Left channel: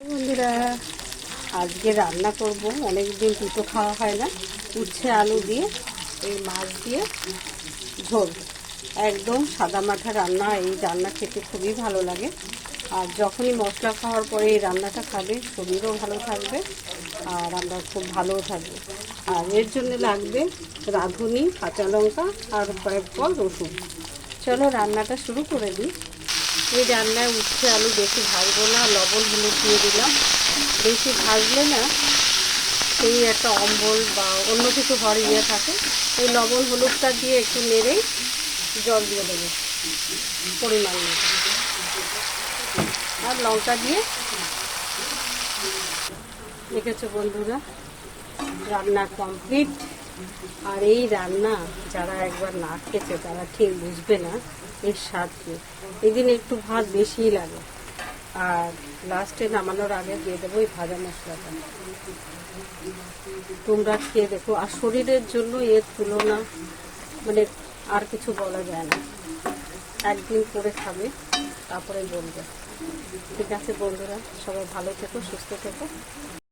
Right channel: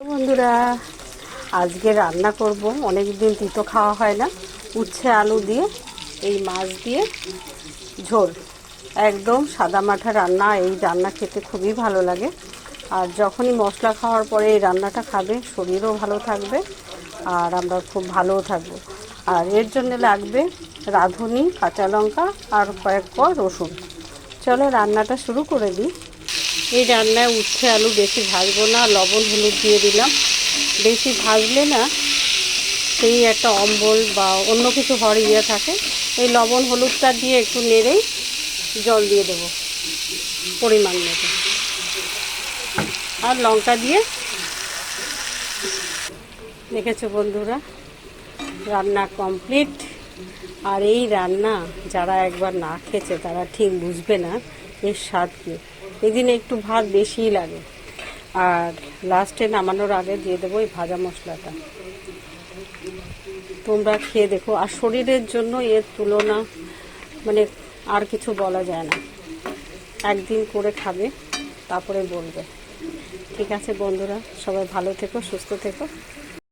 বন্ধুরা, আজকে রান্না করব অনেক দিন তিতো খাওয়া হয় না, উচ্ছে আলু দিয়ে এই মাছ দিয়ে ঝোল। একদম সাদা মাঠা রান্না। এই রান্না খেতে খুবই ভালো লাগে। আর যখনই মশলা খাওয়ার পরে এই রান্নাটা খাবে শরীরও ভালো থাকবে আর আমরা খুব ভালোও থাকবো। আর এর জন্য লাগবে রাঁধুনি, কাঁচা লঙ্কা আর কয়েক কোয়া রসুন। চলো রান্নাটা শুরু করে দিই। এই রান্নায় উচ্ছে আলু বেশি ভাজবো না, লবণ হলুদ দিয়ে দিলাম। বেশি ভাজলে না সেই একটা অম্বল বা অন্য কিছু হওয়ার ইয়ে থাকে। এই লবণ হলুদটা দিয়ে একটু নেড়েই জল দিয়ে দেবো পরিমাণ মতো, আর লঙ্কা দিয়ে। দেখেছো বন্ধুরা, রান্না কমপ্লিট। আর এই রান্না যারা একবার না খেয়েছে তারা ঠিক বুঝবে না এর স্বাদ কী। এই দিনে একটু ভাত বেশিই লাগে। আর লাস্টে নামানোর আগে দিয়ে দেবো এই ভাজা মশলাটা। তোমরা খেয়ে দেখো। আর শরীরের জন্য এর তুলনা মানে আর কিছু বলা যায় না। একদিন করে খাবে, তারপরে বলবে। ঠিক আছে বন্ধুরা, সবাই ভালো থেকো, সুস্থ থেকো।